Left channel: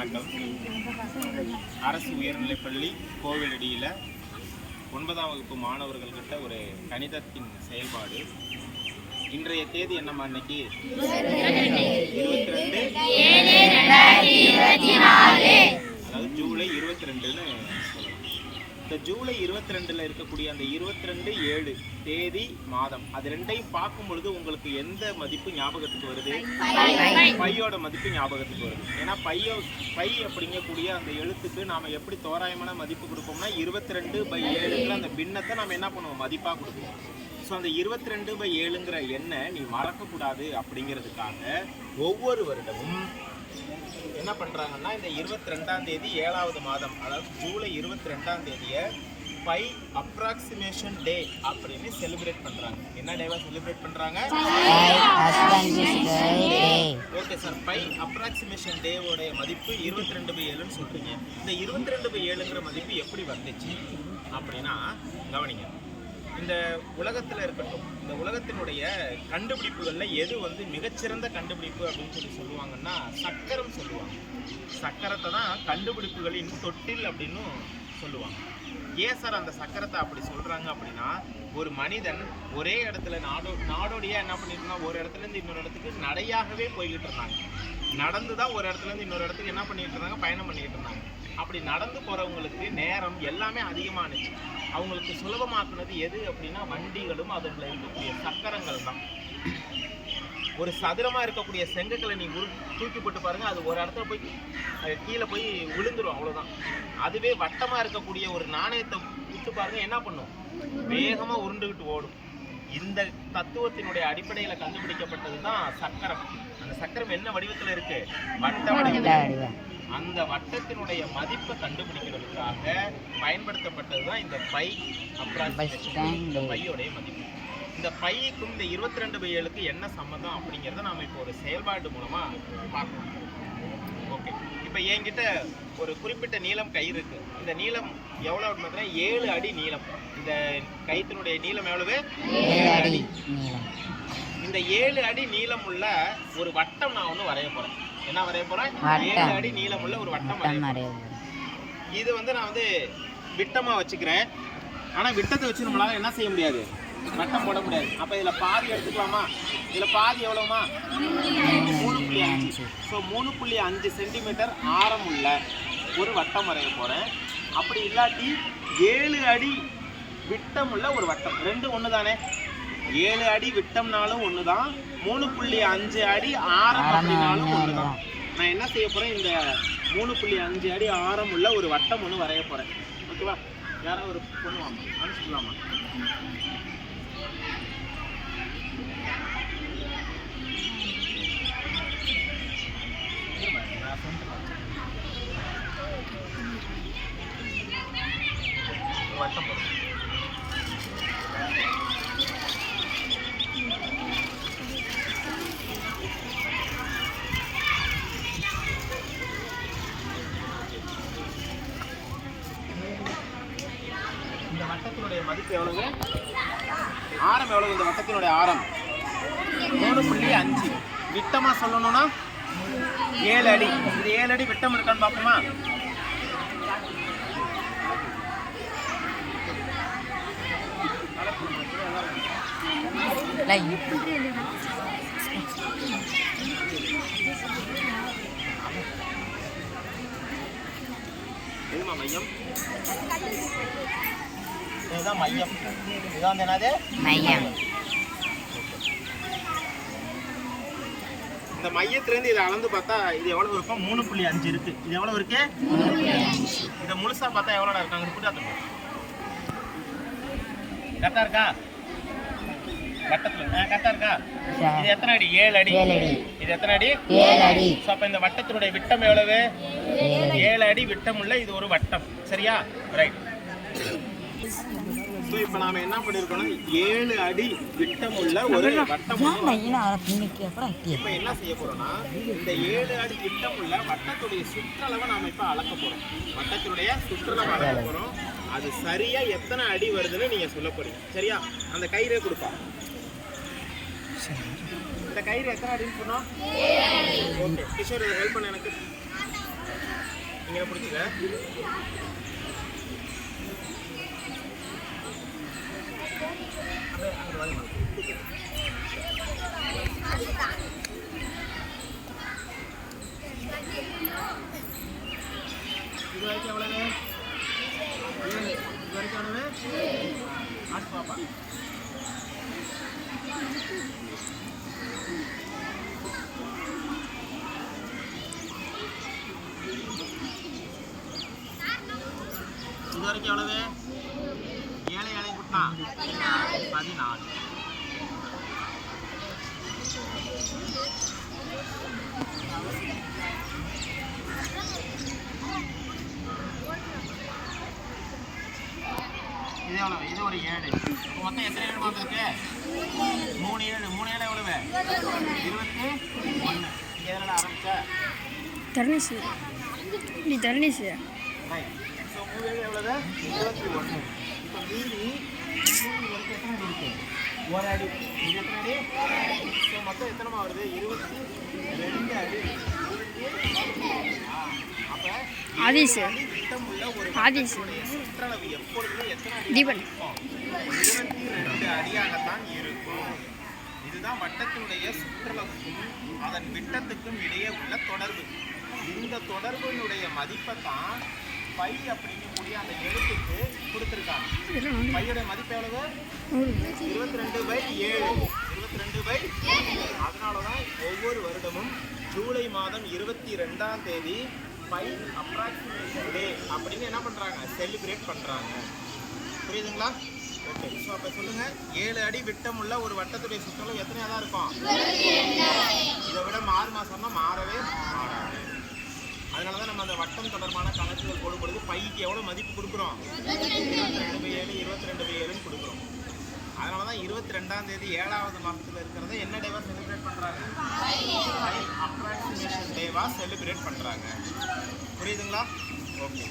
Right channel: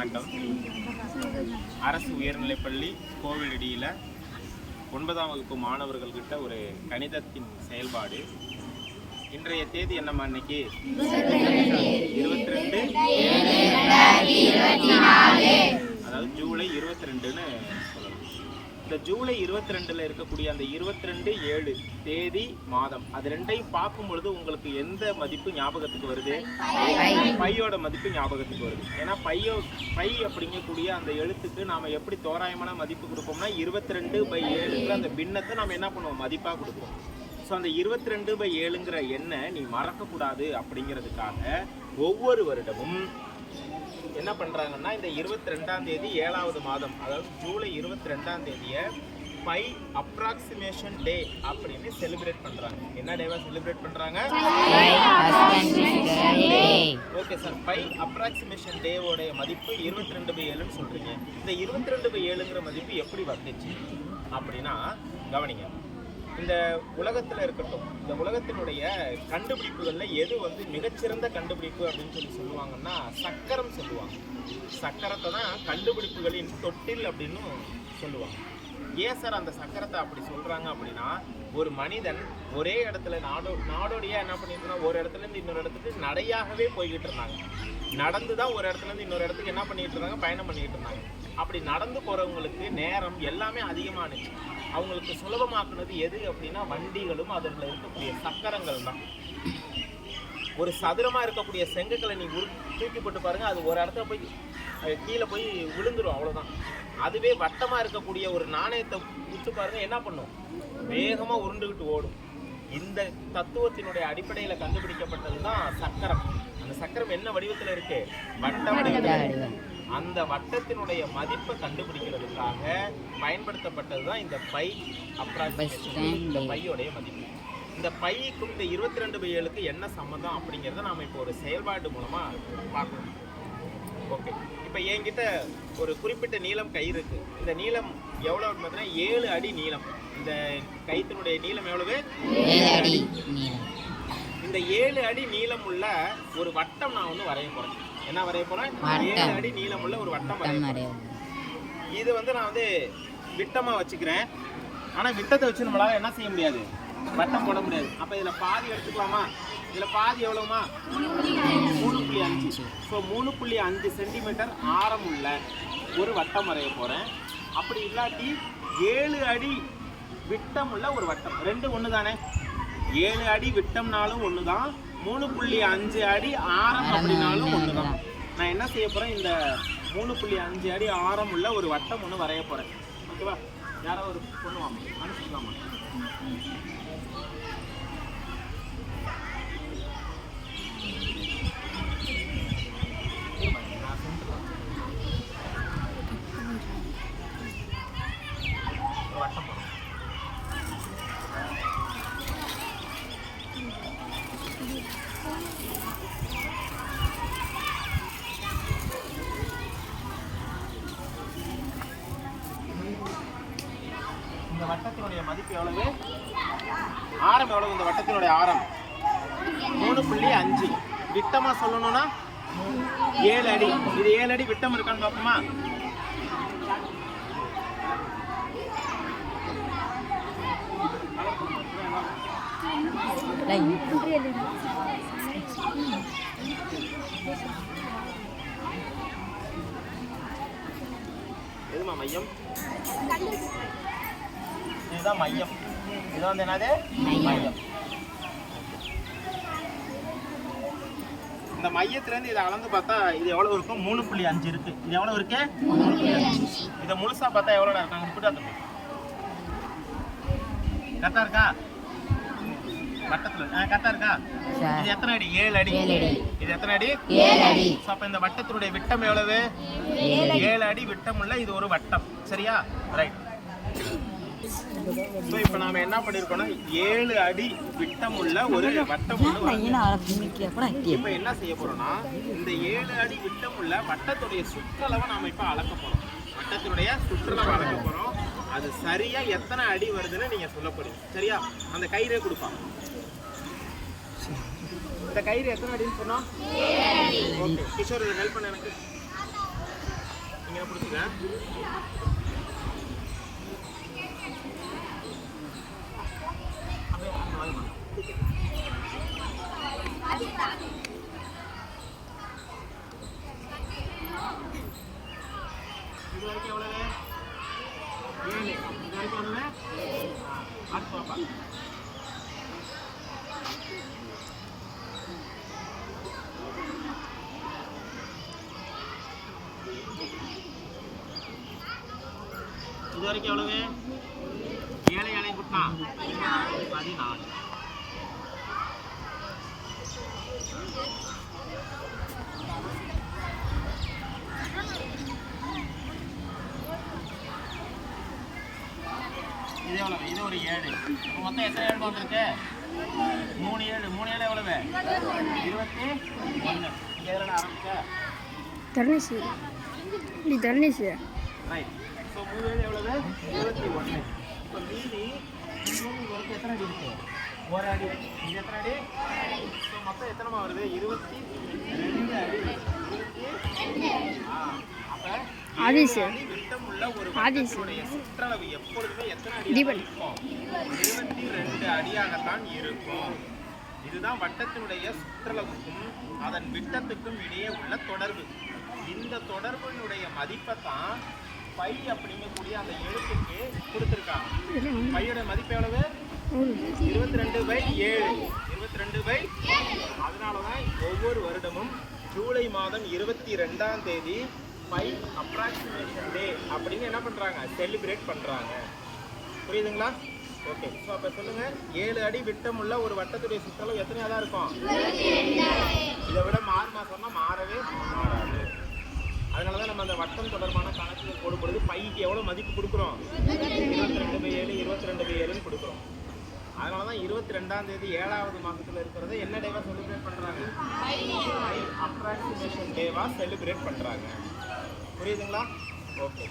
வணக்கம். அரசு உயர்நிலைப்பள்ளி கோவிலடியில் 9ஆம் வகுப்பு மாணவர்கள்கிட்ட ஒரு கணிதத்தின் செயல்பாடு. இன்றைய தேதி என்னம்மா? இன்னைக்கு 22 அதாவது ஜூலை 22ன்னு சொல்லலாம். இந்த ஜூலை 22ல் இருக்கக்கூடிய அந்த 22/7 தேதி மாதம் அது ரெண்டையும் பார்க்கும் பொழுது உங்களுக்கு எந்த மதிப்பு ஞாபகத்துக்கு வருது? பையோட மதிப்பு ஞாபகத்துக்கு வருது. ஏன்னா பை அப்படிங்கக்கூடிய அந்த எழுத்துக்கு நாம எப்படி தோராயமான மதிப்பு கொடுப்போம்னா 22/7ங்கிற அந்த பின்னத்தை நாம என்ன பண்ணுவோம்? மதிப்பா கொடுப்போம். ஸோ அந்த 22/7ங்கிற எண்ணை நீ மறக்கக்கூடாது அப்படிங்கிறதுக்காக ஒவ்வொரு வருடமும் என்ன பண்றாங்கன்னா இந்த 22ஆம் தேதி 7வது மாதம் அதாவது ஜூலை 22ஆம் தேதியை பை அப்ராக்சிமேஷன் டே அப்படின்னு செலிப்ரேட் பண்றாங்க. என்ன டேவா செலிப்ரேட் பண்றாங்க? ஓகே சார், பை அப்ராக்சிமேஷன் டேவோடைய மதிப்பு 22/7ன்னு சொல்றீங்க. இந்த 22/7ங்கிற மதிப்பு எப்படி வந்துச்சு அப்படின்னா கவனிங்க. இந்த உலகத்தில் இருக்கட்டும், இந்த உலகத்தினுடைய கண்டுபிடிப்புகளில் எது மிகச்சிறந்த கண்டுபிடிப்பு அப்படின்னு சொல்லுவாங்கன்னா சக்கரம் சொல்லுவாங்க. சக்கரத்தை தான் கண்டுபிடிப்புகளின் தொட்டில் அப்படின்னு சொல்லுவாங்க. ஏன் சார் அந்த சக்கரத்தை அப்படி சொல்கிறாங்க அப்படின்னா, ஒரு மனிதன் ஒரே இடத்துல நாடோடியாக என்ன பண்ணிட்டு இருந்தா, ஒரு இடத்துலேருந்து இன்னொரு இடத்துக்கு நடையாகவே போய்கிட்டு இருந்தாங்க. நடந்து தான் ஒரு இடத்துலேருந்து இன்னொரு இடத்துக்கு என்ன பண்ணிட்டு இருந்தாங்க? பயணம் பண்ணிட்டு இருந்தாங்க. அப்படி நடந்து போகிறவங்களுக்கு நேரம் எல்லாமே அதிகமானுச்சு. அவங்களுக்கு சுலபமாக்குனது எது அப்படின்னா வண்டிகளும் அதில் இருக்கக்கூடிய சக்கரங்கள் தான். ஒரு சதுரமாக இருக்கக்கூடிய செங்கற்களை நீ தூக்கி போட்டு பாருங்க, அது ஒரு இடத்துல போய் கீழே போய் விழுந்துடும், அவ்வளோதான். அதுவே வட்டமாக இருக்கக்கூடிய ஒரு நாணயத்தை விட்டு பாருங்க, என்ன பண்ணும்? வேகமாக உருண்டுகிட்டு ஓடும். இந்த தத்துவத்தினுடைய அடிப்படையில் கண்டுபிடிக்கப்பட்டது தான் சக்கரம். அந்த சக்கரம் என்ன வடிவத்தில் இருக்கு? வட்ட வடிவத்தில். அந்த வட்டத்தினுடைய மதிப்பை கண்டுபிடிக்கிறதுக்காக பயன்படுத்தப்பட்டது தான் இந்த பை அப்ராக்சிமேஷன், இந்த பையோடைய மதிப்பு. இந்த பைக்கும் இந்த 22/7க்கு என்ன சம்மந்தம் அப்படிங்கிறத நாம் இப்போ ஒரு செயல்பாடு மூலமாக பார்க்கணும். ஓகே, இப்போ என்கிட்ட ஒரு குறிப்பிட்ட நீளம் கயிறு இருக்கு. இந்த நீளம் எவ்வளோ பார்த்தீங்கன்னா 7 அடி நீளம். இந்த கயிற்றினுடைய நீளம் எவ்வளவு? 7 அடி நீளம். இந்த 7 அடி நீளம் உள்ள ஒரு வட்டம் நான் ஒன்று வரைய போகிறேன். என்ன வரைய போகிறேன்? 7 அடி நீளம் உள்ள ஒரு வட்டம் வரைய போகிறேன். இது நான் விட்டமாக வச்சுக்கிறேன். ஆனால் விட்டத்தை வச்சு நம்மளால என்ன செய்ய முடியாது? வட்டம் போட முடியாது. அப்போ இதில் பாதி எடுத்துக்கலாமா? இதில் பாதி எவ்வளோமா? 3.5. ஸோ 3.5 சென்டிமீட்டர் ஆரம் உள்ள ஒரு வட்டம் வரைய போகிறேன். அப்படி இல்லாட்டி 7 அடி விட்டம் உள்ள ஒரு வட்டம். ரெண்டு ஒன்று தானே? 7 அடி விட்டம்னாலும் ஒன்று தான், 3.5 அடி ஆரம் அப்படின்னாலும் ஒன்று தான். நான் என்ன செய்ய போகிறேன்? இந்த 3.5 அடி ஆரம் உள்ள ஒரு வட்டம் ஒன்று வரைய போகிறேன். ஓகேவா? யாராவது ஒரு பண்ணுவாமா? அனுப்பிச்சிக்கலாமா? வட்டம் போடும். இந்த வட்டத்தினுடைய மதிப்பு எவ்வளவு? ஆரம் எவ்வளவு? இந்த வட்டத்தினுடைய ஆரம் 3.5. விட்டமா சொல்லணும்னா 7 அடி. இது 7 அடி விட்டம் இருக்கான்னு பார்ப்போமா? எதுமா மையம்? இதுதான் மையம். இதுதான் என்னது? மையம். இந்த மையத்திலேருந்து இதை அளந்து பார்த்தா இது எவ்வளோ இருக்கும்? 3.5 இருக்கு. இது எவ்வளோ இருக்கு? 3.5. இதை முழுசா பார்த்தா எவ்வளோடா இருக்காங்க? கரெக்டாக இருக்கா? வட்டத்தில் கரெக்டாக இருக்கா? இது எத்தனை அடி? 7 அடி. இது எத்தனை அடி? 7 அடி. ஸோ அப்போ இந்த வட்டத்தினுடைய விட்டம் எவ்வளவு? 7 அடி விட்டம் உள்ள இது ஒரு வட்டம். சரியா? ரைட். ஸோ இப்போ நாம் என்ன பண்ணியிருக்கோம்னா 7 அடி விட்டம் உள்ள ஒரு வட்டம் ஒன்று. இப்போ என்ன செய்ய போகிறோம்னா இந்த 7 அடி விட்டம் உள்ள வட்டத்துடைய சுற்றளவை நாம் இப்போ அளக்க போகிறோம். வட்டத்தினுடைய சுற்றளவை அளக்க போகிறோம். அது சரியாக எத்தனை அடி வருதுன்னு நீங்கள் சொல்ல போகிறீங்க. சரியா? அந்த கயிறே கொடுப்பா. இந்த கயிறு எத்தனை அடின்னு சொன்னோம்? ஓகே கிஷோர், ஹெல்ப் பண்ண எனக்கு. இங்கே பிடிச்சிக்க. அப்படியே அங்கே வாங்க. இது வரைக்கும் எவ்வளவு? 7. இது வரைக்கும் எவ்வளவு? அடுத்து பாப்பா. இது வரைக்கும் எவ்வளவு? 7 7 கூட்டினா 14. இது எவ்வளவு? இது ஒரு 7. அப்போ மொத்தம் எத்தனை 7 வந்திருக்கு? 3 7. 3 7 எவ்வளவு? 21. நீங்க எதில் ஆரம்பிச்சா? தர்ணேஷ் இப்படி தர்ணேஷ் ரைட். ஸோ 3 7 எவ்வளவு? 21. இப்போ மீதி வரைக்கும் எத்தனை அடி இருக்கு? ஒரு அடி. இது எத்தனை அடி? ஸோ மொத்தம் எத்தனைமா வருது? 22 அடி. அப்போ ஆதிஷ் விட்டமுள்ள ஒரு ஆதிஷ் வட்டத்துடைய சுற்றளவு எப்பொழுதுமே எத்தனை அடி தீபன் இருக்கும்? 22 அடியாகத்தான் இருக்கும். இதுதான் வட்டத்தினுடைய சுற்றளவுக்கும் அதன் விட்டத்துக்கும் இடையே உள்ள தொடர்பு. இந்த தொடர்பினுடைய மதிப்பை தான் பை அப்படிங்கக்கூடிய அந்த எழுத்துக்கு கொடுத்துருக்காங்க. பையோட மதிப்பு எவ்வளவு? 22/7. 22/7. அதனால தான் ஒவ்வொரு வருடமும் ஜூலை மாதம் 22ஆம் தேதி பை அப்ராக்சிமேஷன் டே அப்படின்னு என்ன பண்ணுறாங்க? செலிப்ரேட் பண்ணுறாங்க. புரியுதுங்களா? ஓகே. ஸோ அப்போ சொல்லுங்கள், 7 அடி விட்டமுள்ள ஒரு வட்டத்துடைய சுற்றளவு எத்தனையாக தான் இருக்கும்? இதை விட மாறுமா சொன்னால் மாறவே மாறாது. அதனால தான் நம்ம அந்த வட்டம் தொடர்பான கணக்குகள் போடும் பொழுது பைக்கு எவ்வளோ மதிப்பு கொடுக்குறோம்? 22/7 22/7ன்னு கொடுக்குறோம். அதனால தான் 22ஆம் தேதி 7வது மாதத்தில் இருக்கிறத என்ன டேவாக செலிப்ரேட் பண்ணுறாங்க? பை அப்ராக்சிமேஷன் டேவாக செலிப்ரேட் பண்ணுறாங்க. புரியுதுங்களா? ஓகே.